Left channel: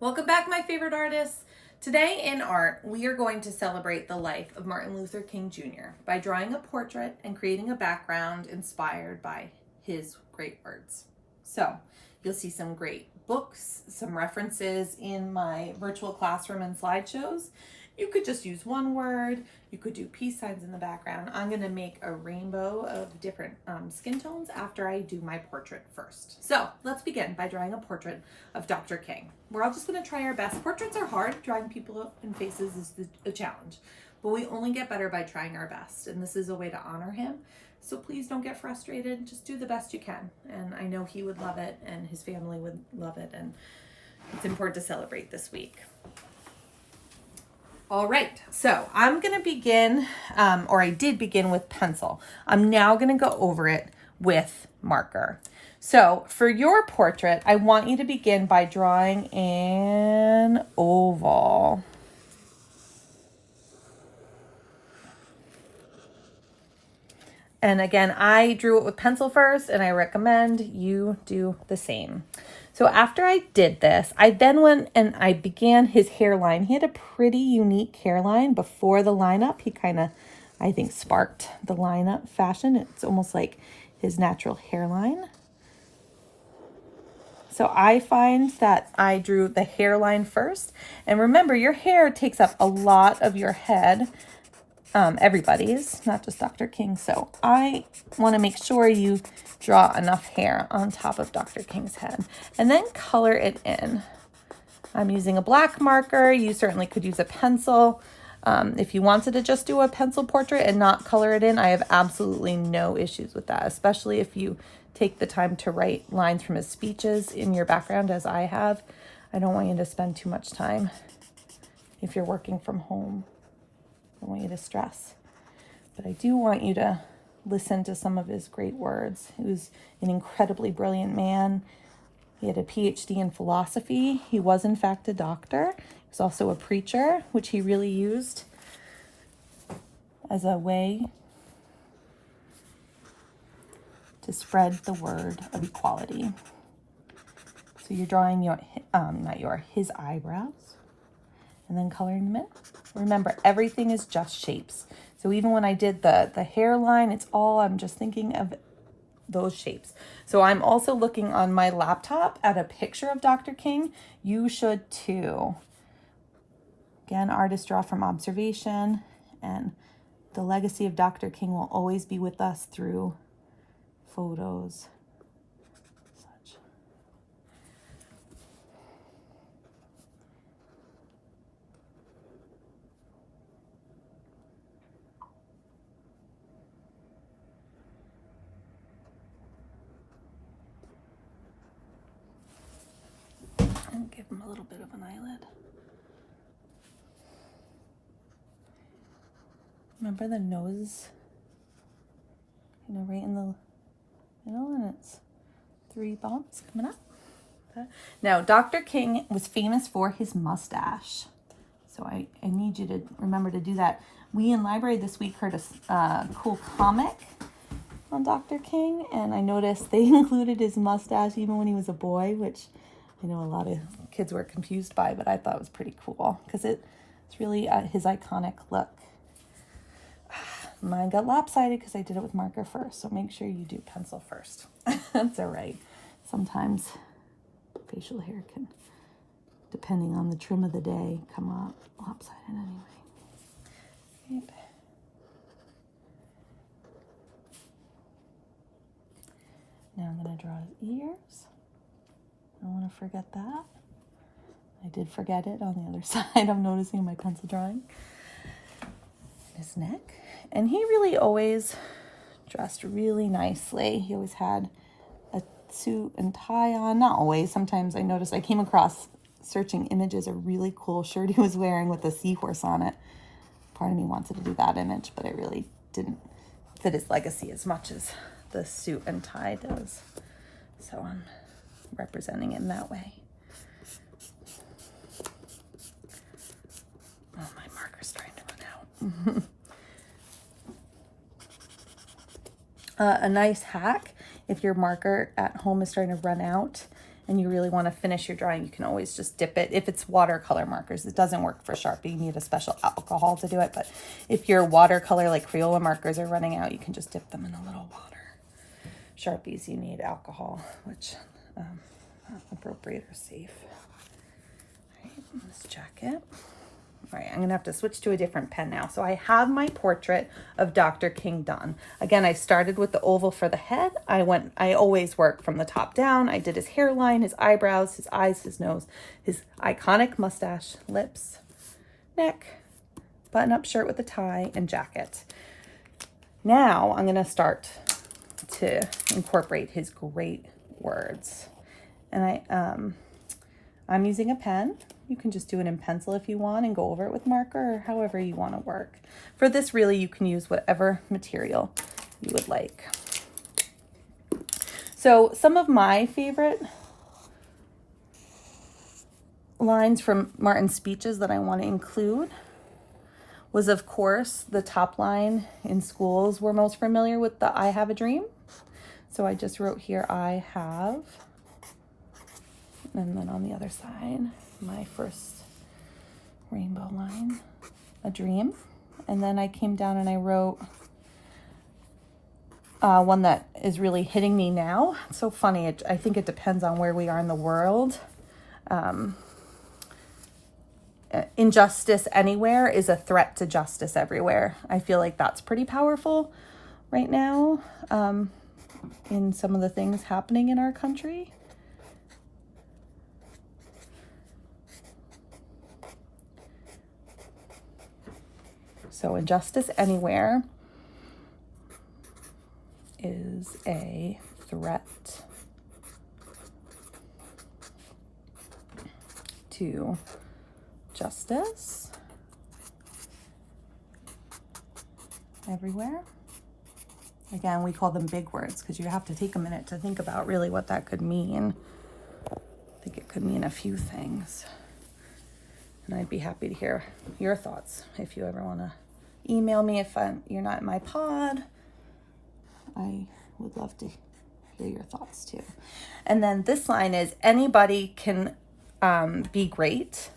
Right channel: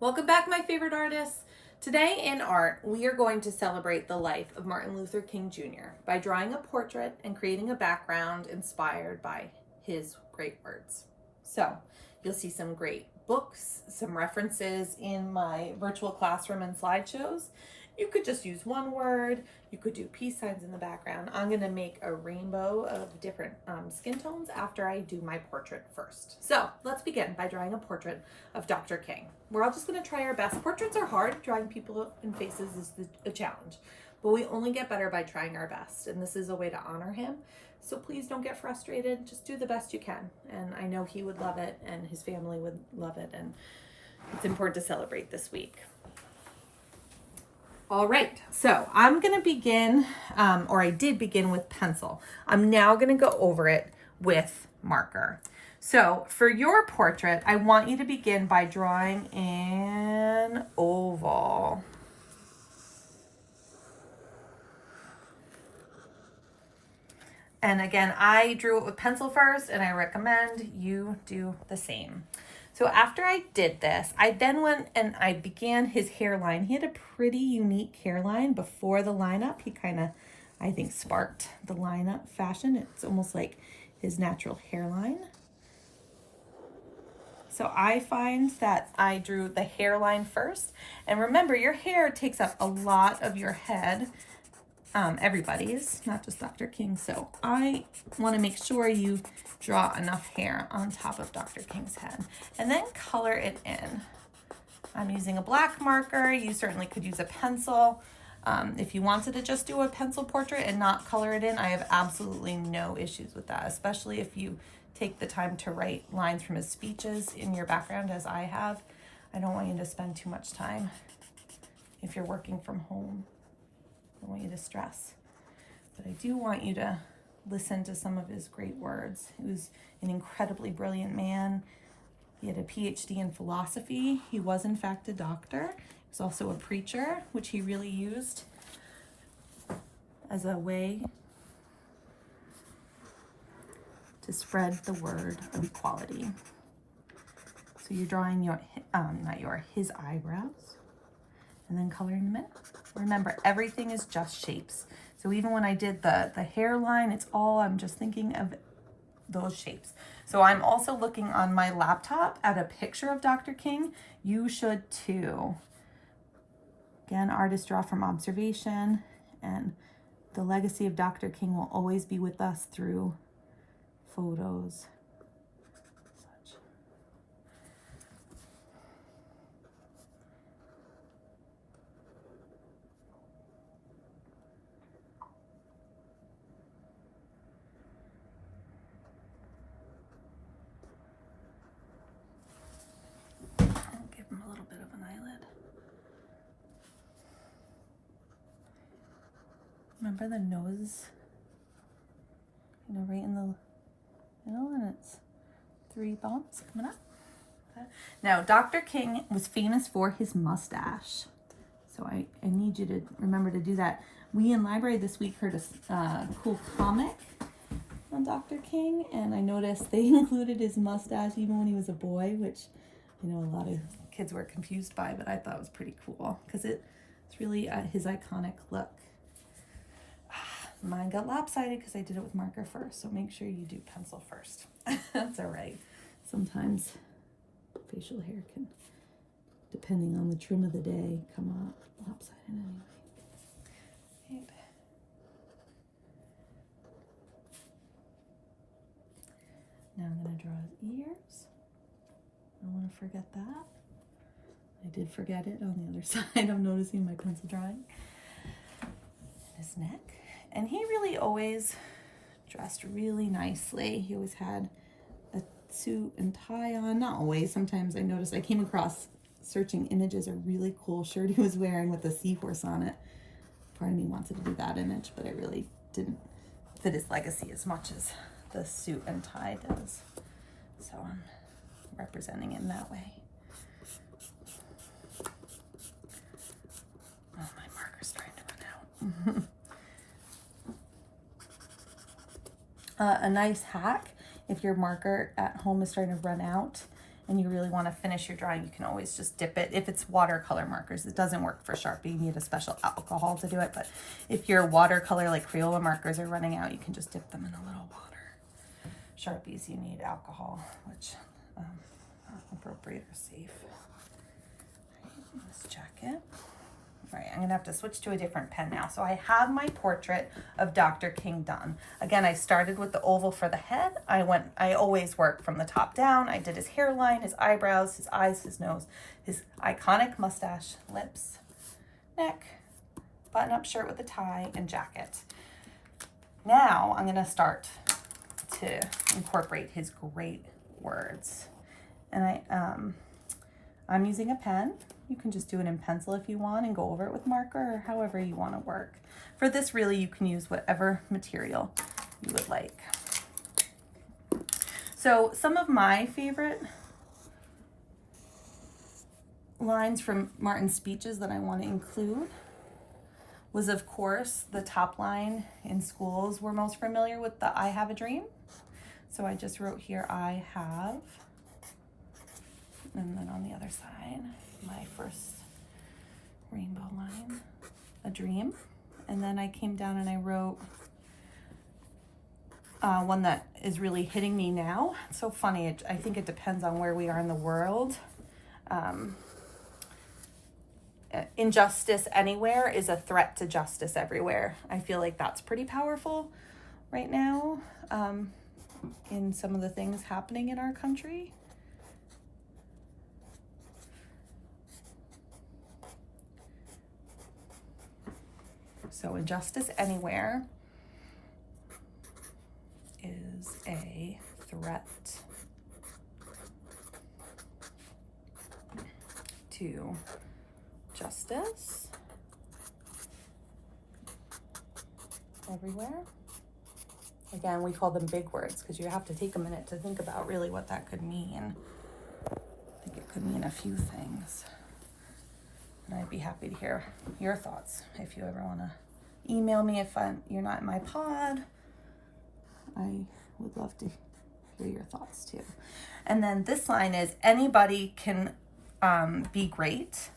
Welcome back, my favorite artists. Today in art, we are going to celebrate the life of Martin Luther King Jr. by drawing a portrait and creating a background inspired by his great words. So you'll see some great books, some references in my virtual classroom and slideshows. You could just use one word. You could do peace signs in the background. I'm going to make a rainbow of different skin tones after I do my portrait first. So let's begin by drawing a portrait of Dr. King. We're all just going to try our best. Portraits are hard. Drawing people in faces is a challenge, but we only get better by trying our best. And this is a way to honor him. So please don't get frustrated. Just do the best you can. And I know he would love it and his family would love it. And it's important to celebrate this week. All right, so I'm gonna begin, or I did begin with pencil. I'm now gonna go over it with marker. So for your portrait, I want you to begin by drawing an oval. And again, I drew it with pencil first, and I recommend you do the same. So after I did this, I then went and I began his hairline. He had a pretty unique hairline before the lineup. He kind of, I think, sparked the lineup fashion. It's almost like his natural hairline. So I find that I drew the hairline first. And remember, your hair takes up a lot of your head. Everybody's, not just Dr. King. So I want to make sure you draw enough hair on top of Dr. King's head and then color it in. I'm using a black marker. You certainly could use a pencil. If you wanted to just do a pencil portrait and not color it in, I have absolutely no issues with that, especially if you take the time to write lines from his speeches in your background as I have. I don't want you to spend too much time if you're working from home. I don't want you to stress, but I do want you to listen to some of his great words. He was an incredibly brilliant man. He had a PhD in philosophy. He was, in fact, a doctor. He was also a preacher, which he really used as a way to spread the word of equality. So you're drawing his eyebrows and then coloring them in. Remember, everything is just shapes. So even when I did the hairline, I'm just thinking of those shapes. So I'm also looking on my laptop at a picture of Dr. King. You should too. Again, artists draw from observation, and the legacy of Dr. King will always be with us through photos. Such. And give him a little bit of an eyelid. Remember the nose, right in the middle, and it's 3 bumps coming up. Okay. Now, Dr. King was famous for his mustache. So I need you to remember to do that. We in library this week heard a cool comic on Dr. King, and I noticed they included his mustache even when he was a boy, which I know a lot of kids were confused by, but I thought was pretty cool because it's really his iconic look. Mine got lopsided because I did it with marker first, so make sure you do pencil first. That's all right. Sometimes facial hair can, depending on the trim of the day, come out lopsided anyway. Right. Now I'm going to draw his ears. I don't want to forget that. I did forget it on the other side. I'm noticing my pencil drawing. His neck. And he really always dressed really nicely. He always had a suit and tie on. Not always. Sometimes I came across, searching images, a really cool shirt he was wearing with a seahorse on it. Part of me wanted to do that image, but it really didn't fit his legacy as much as the suit and tie does. So I'm representing him that way. Oh, my marker's trying to run out. A nice hack, if your marker at home is starting to run out and you really want to finish your drawing, you can always just dip it. If it's watercolor markers, it doesn't work for Sharpie. You need a special alcohol to do it. But if your watercolor, like Crayola markers, are running out, you can just dip them in a little water. Sharpies, you need alcohol, which appropriate or safe. All right, let's check it. All right, I'm gonna have to switch to a different pen now. So I have my portrait of Dr. King done. Again, I started with the oval for the head. I always work from the top down. I did his hairline, his eyebrows, his eyes, his nose, his iconic mustache, lips, neck, button-up shirt with a tie, and jacket. Now I'm gonna start to incorporate his great words. And I'm using a pen. You can just do it in pencil if you want and go over it with marker or however you want to work. For this, really, you can use whatever material you would like. So some of my favorite lines from Martin's speeches that I want to include was, of course, the top line in schools we're most familiar with, the I have a dream. So I just wrote here, I have, and then on the other side, my first rainbow line, a dream. And then I came down and I wrote one that is really hitting me now. It's so funny. I think it depends on where we are in the world. Injustice anywhere is a threat to justice everywhere. I feel like that's pretty powerful right now in some of the things happening in our country. So injustice anywhere is a threat to justice everywhere. Again, we call them big words because you have to take a minute to think about really what that could mean. I think it could mean a few things. And I'd be happy to hear your thoughts if you ever want to email me if you're not in my pod. I would love to hear your thoughts too. And then this line is, anybody can be great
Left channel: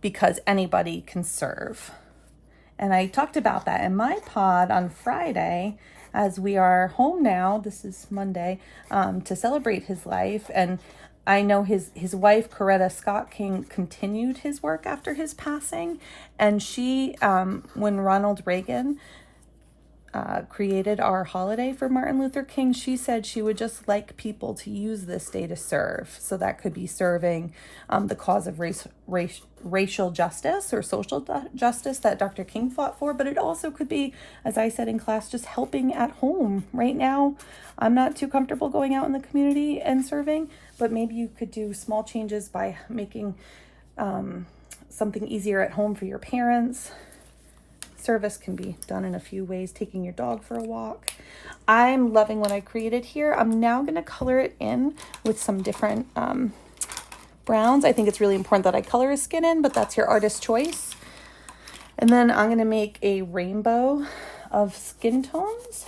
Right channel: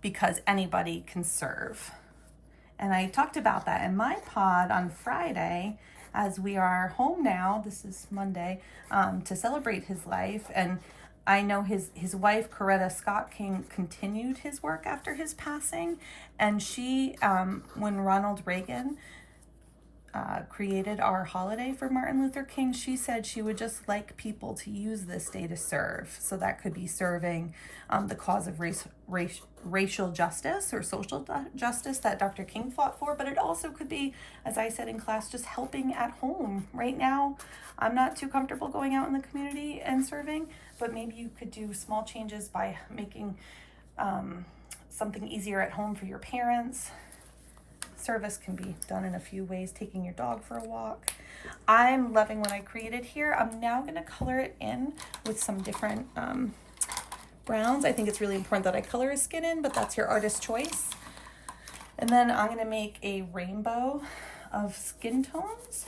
because anybody can serve. And I talked about that in my pod on Friday as we are home now, this is Monday, to celebrate his life. And I know his wife, Coretta Scott King, continued his work after his passing. And she, when Ronald Reagan created our holiday for Martin Luther King, she said she would just like people to use this day to serve. So that could be serving the cause of racial justice or social justice that Dr. King fought for, but it also could be, as I said in class, just helping at home. Right now, I'm not too comfortable going out in the community and serving, but maybe you could do small changes by making something easier at home for your parents. Service can be done in a few ways, taking your dog for a walk. I'm loving what I created here. I'm now going to color it in with some different browns. I think it's really important that I color his skin in, but that's your artist's choice. And then I'm going to make a rainbow of skin tones.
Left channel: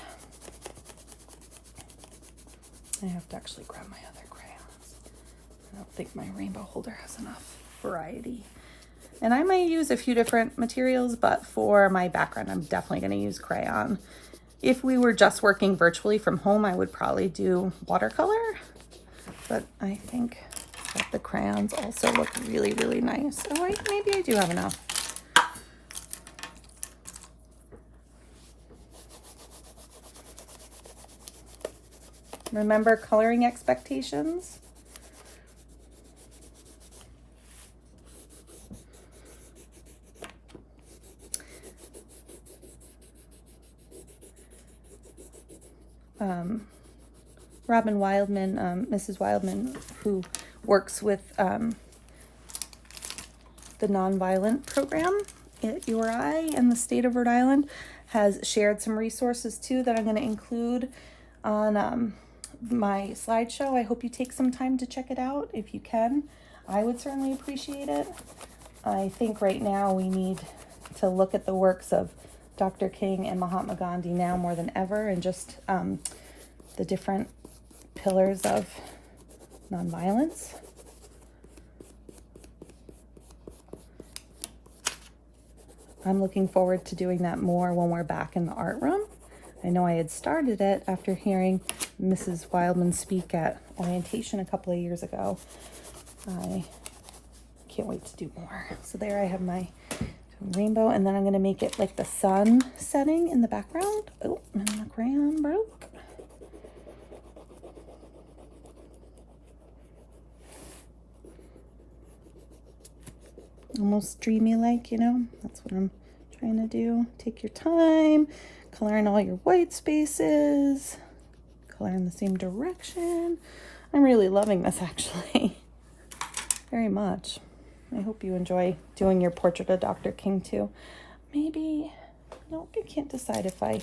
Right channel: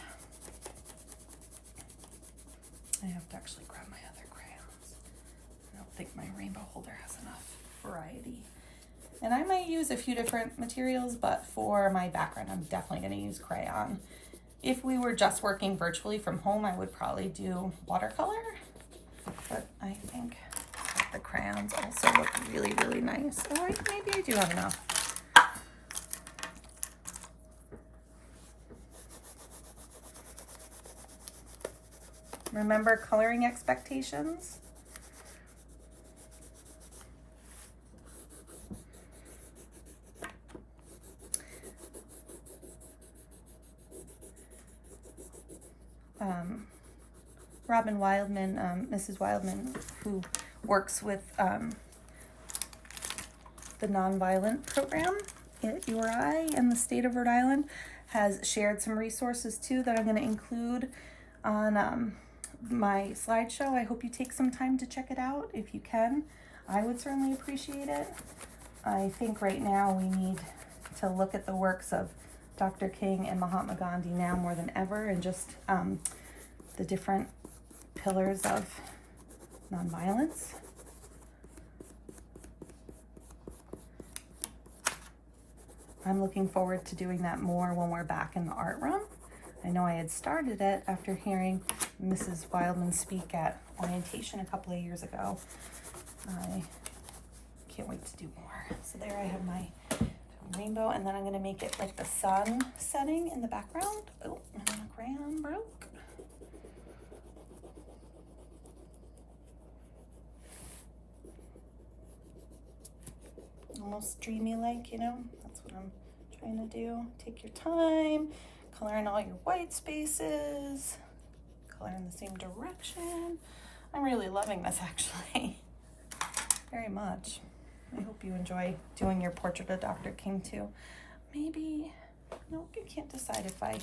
I have to actually grab my other crayons. I don't think my rainbow holder has enough variety. And I might use a few different materials, but for my background, I'm definitely going to use crayon. If we were just working virtually from home, I would probably do watercolor, but I think that the crayons also look really, really nice. Oh, maybe I do have enough. Remember coloring expectations? Robin Wildman, Mrs. Wildman, who works with the Nonviolent Program at URI and the state of Rhode Island, has shared some resources too that I'm going to include on my slideshow. I hope you take some time to check it out if you can. I would certainly appreciate it. I think right now we need to look at the works of Dr. King and Mahatma Gandhi now more than ever, and just the different pillars of nonviolence. I'm looking forward to doing that more when we're back in the art room. I know I had started it after hearing Mrs. Wildman speak at orientation a couple of years ago. I can't wait to do more. So there I have my rainbow, and then I'm going to make it like the sun setting in the background. Oh, my crayon broke. Almost dreamy like, you know, that's what I'm trying to do. Take your time, color in all your white spaces, color in the same direction. I'm really loving this actually, very much. I hope you enjoy doing your portrait of Dr. King too. Maybe, no, I can't decide if I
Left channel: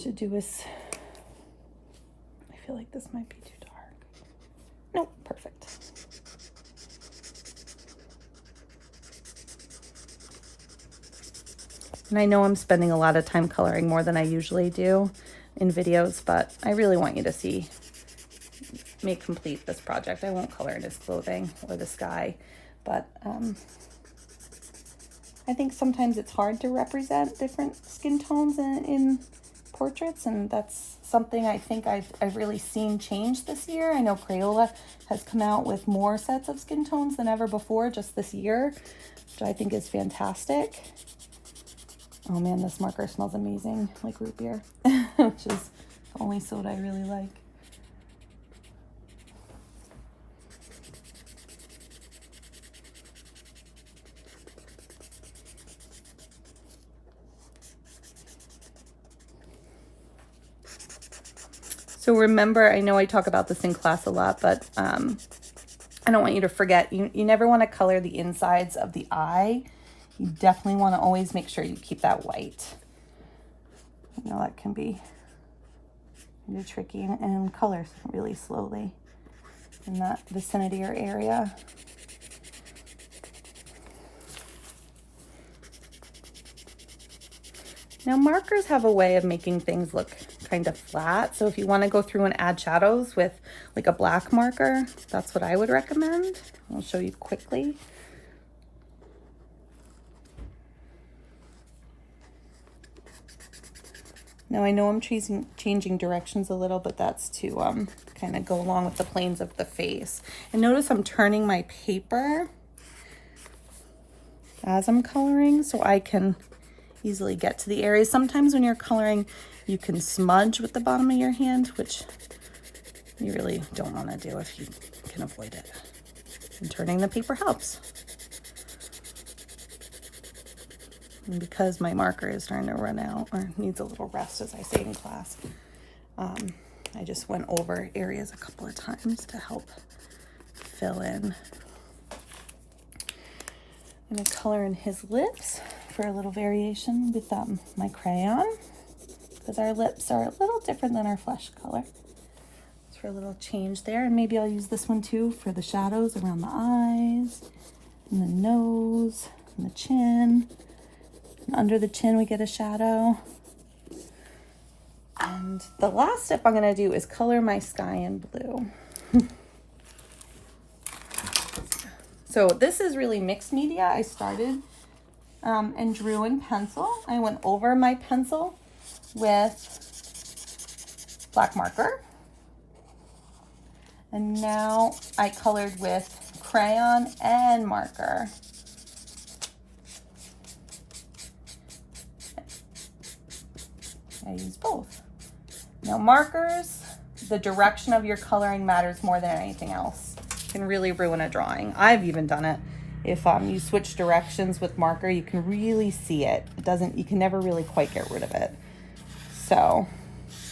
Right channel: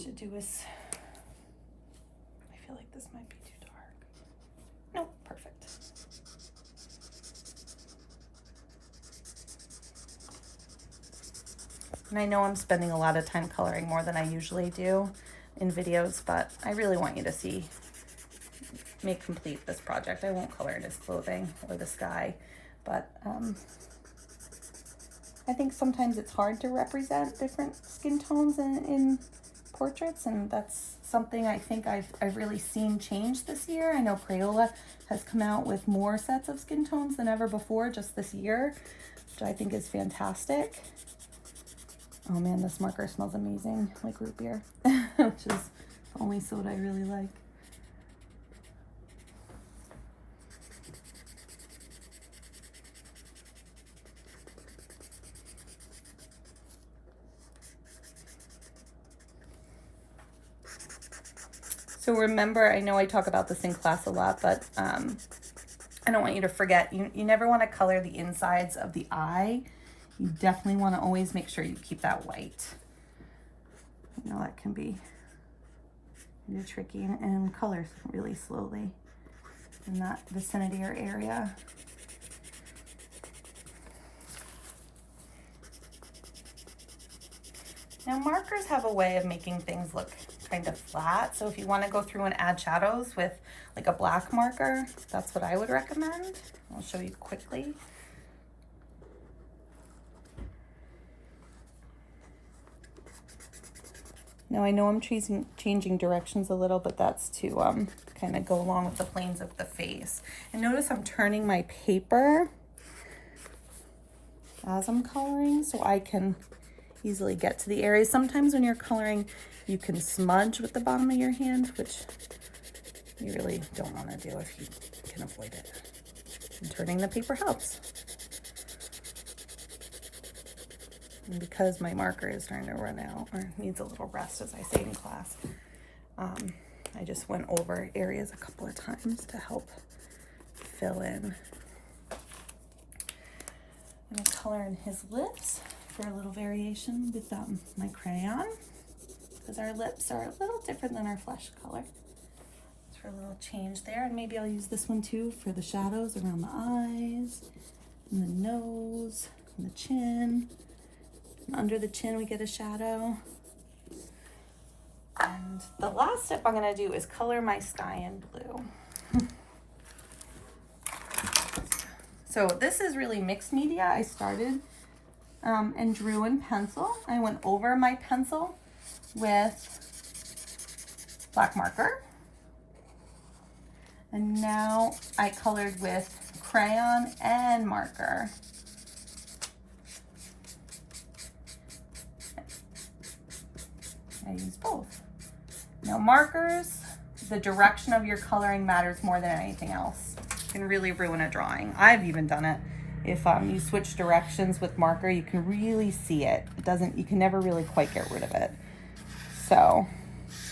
should do this. I feel like this might be too dark. No, perfect. And I know I'm spending a lot of time coloring more than I usually do in videos, but I really want you to see me complete this project. I won't color in his clothing or the sky, but I think sometimes it's hard to represent different skin tones in portraits, and that's something I think I've really seen change this year. I know Crayola has come out with more sets of skin tones than ever before just this year, which I think is fantastic. Oh man, this marker smells amazing, like root beer, which is the only soda I really like. So remember, I know I talk about this in class a lot, but I don't want you to forget, you never want to color the insides of the eye. You definitely want to always make sure you keep that white. You know, that can be really tricky, and color really slowly in that vicinity or area. Now markers have a way of making things look kind of flat. So if you want to go through and add shadows with like a black marker, that's what I would recommend. I'll show you quickly. Now I know I'm changing directions a little, but that's to kind of go along with the planes of the face. And notice I'm turning my paper as I'm coloring so I can easily get to the areas. Sometimes when you're coloring, you can smudge with the bottom of your hand, which you really don't want to do if you can avoid it. And turning the paper helps. And because my marker is starting to run out, or needs a little rest, as I say in class, I just went over areas a couple of times to help fill in. I'm going to color in his lips for a little variation with my crayon, because our lips are a little different than our flesh color. So for a little change there, and maybe I'll use this one too for the shadows around the eyes, and the nose, and the chin. And under the chin we get a shadow. And the last step I'm going to do is color my sky in blue. So this is really mixed media. I started and drew in pencil. I went over my pencil with black marker. And now I colored with crayon and marker. I use both. Now markers, the direction of your coloring matters more than anything else. It can really ruin a drawing. I've even done it. If you switch directions with marker, you can really see it. You can never really quite get rid of it. So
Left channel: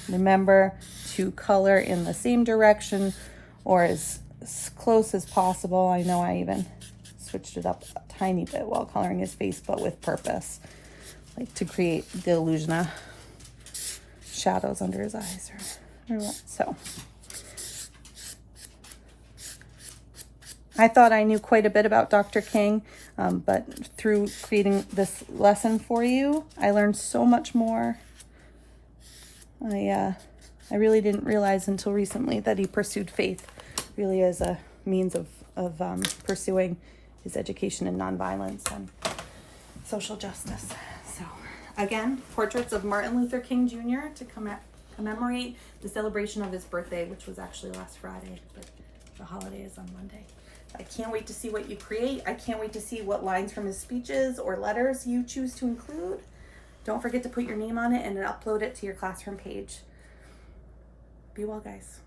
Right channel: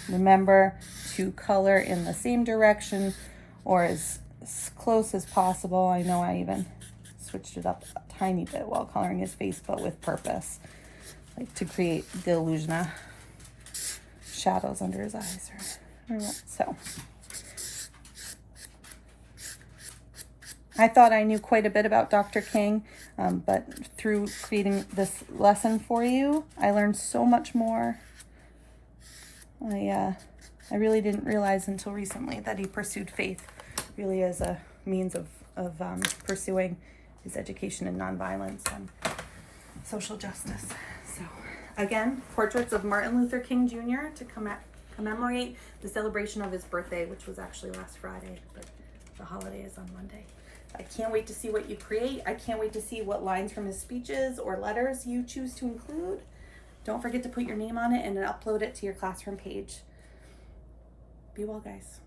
remember to color in the same direction or as close as possible. I know I even switched it up a tiny bit while coloring his face, but with purpose, like to create the illusion of shadows under his eyes. So I thought I knew quite a bit about Dr. King, but through creating this lesson for you, I learned so much more. I really didn't realize until recently that he pursued faith really as a means of pursuing his education in nonviolence and social justice. So again, portraits of Martin Luther King Jr. to commemorate the celebration of his birthday, which was actually last Friday, but the holiday is on Monday. I can't wait to see what you create. I can't wait to see what lines from his speeches or letters you choose to include. Don't forget to put your name on it and upload it to your classroom page. Be well, guys.